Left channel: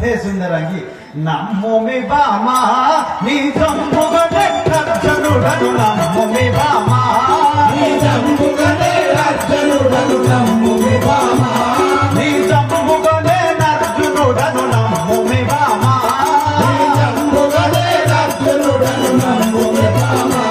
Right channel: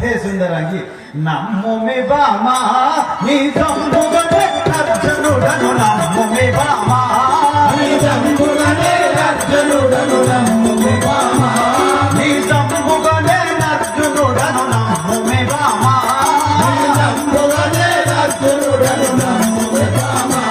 హే సుందరంగి నమ్మోమి బామా నీ జంబుగనే అర్జునుడను నమ్మోమి బామా నీ జంబుగనే అర్జునుడను నమ్మోమి బామా నీ జంబుగనే అర్జునుడను నమ్మోమి బామా నీ జంబుగనే అర్జునుడను నమ్మోమి బామా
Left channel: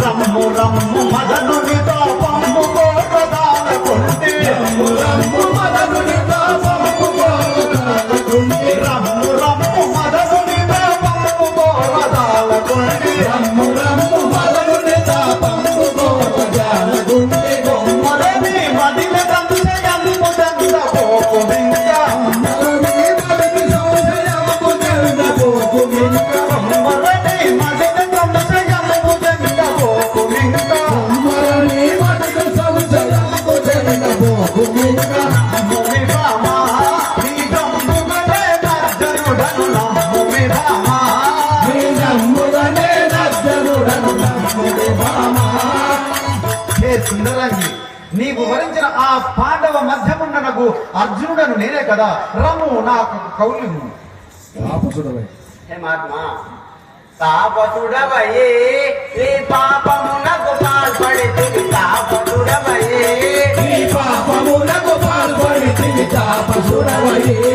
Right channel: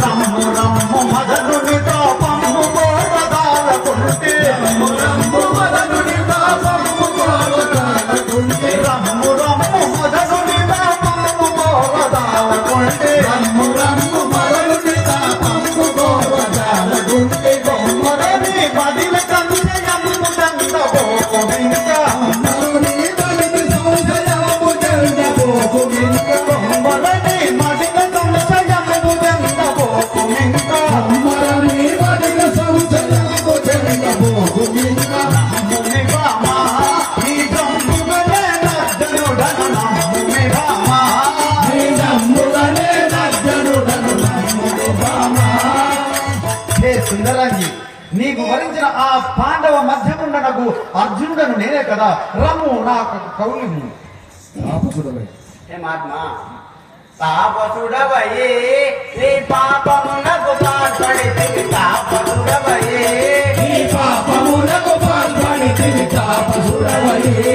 రమ్ము రమ్ము మదనునితో పంపు గోపదాలకుంటే రమ్ము రమ్ము మదనునితో పంపు గోపదాలకుంటే రమ్ము రమ్ము మదనునితో పంపు గోపదాలకుంటే రమ్ము రమ్ము మదనునితో పంపు గోపదాలకుంటే కొమ్మరని మదిల కంచె యందు చంద పోకు వింత కొమ్మరని మదిల సంశయము చంద పోకు వింత కొమ్మరని మదిల సంశయము చంద పోకు వింత కొమ్మరని మదిల సంశయము చంద పోకు వింత నమ్మోమి బామా నీ జంబుగనే అర్జునుడను నమ్మోమి బామా నీ జంబుగనే అర్జునుడను నమ్మోమి బామా హే సుందరంగి నీకు వరించిన ఆ పాండవ మధ్యముండనకు అర్జునుడను నేనే కదా రమ్ము నాకు కౌలిము హే మహాత్మా తాపసుడవయే నీ పాపమునకు పాల్పడితివి తాపసుడవయే నీ పాపములకు పాల్పడితివి తాపసుడవయే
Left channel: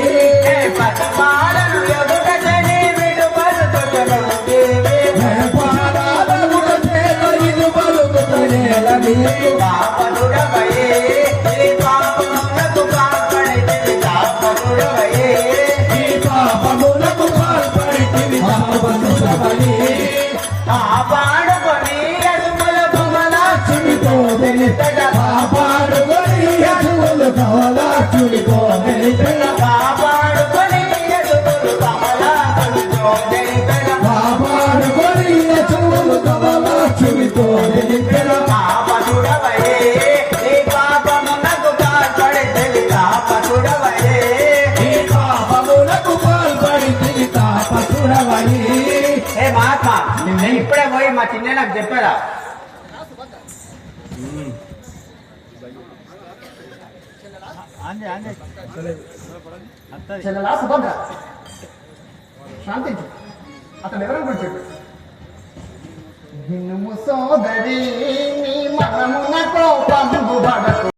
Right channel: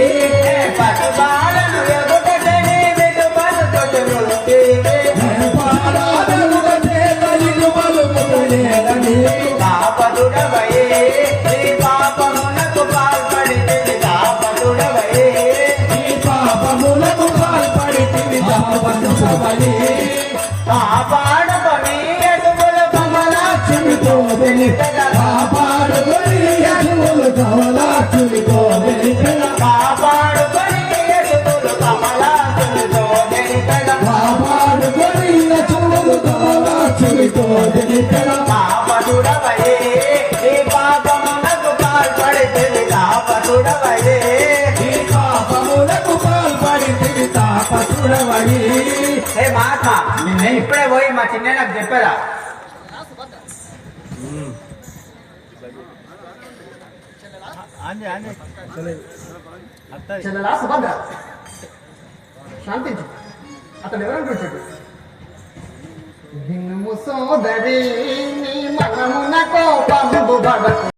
హే పసిబాలను వెగుటని విడుమలుతు జగలుదేవి పాదాలముల చేత ఇరుమలుగుతలేల నీకు తాపసుడవయే నీ పాపమునకు పాల్పడితివి తాపసుడవయే నీ పాపములకు పాల్పడితివి తాపసుడవయే కాపాడుకొని అడుగుల కమలాక్షునితో వెలిపెద కాపాడుకొని యశువులు కమలాక్షునితో వెలిపెద కాపాడుకొని అడుగులు కమలాసునితో నెరిపెద కాపాడుకొని యశువులు కమలాక్షునితో వెలిపెద తాపసుడవయే నీ పాపమునకు పాల్పడితివి తాపసుడవయే ఈ పాపములకు పాల్పడితివి తాపసుడవయే ఏ మహాత్మా నిన్న ఇప్పుడే పోయి మా చిన్న నాకు చెప్పారా చెల్లెలా సుభద్ర శాంతించు అతను ఎవరు కూర్చోడు సోదరి నీ మగమున కోపంబు బడకు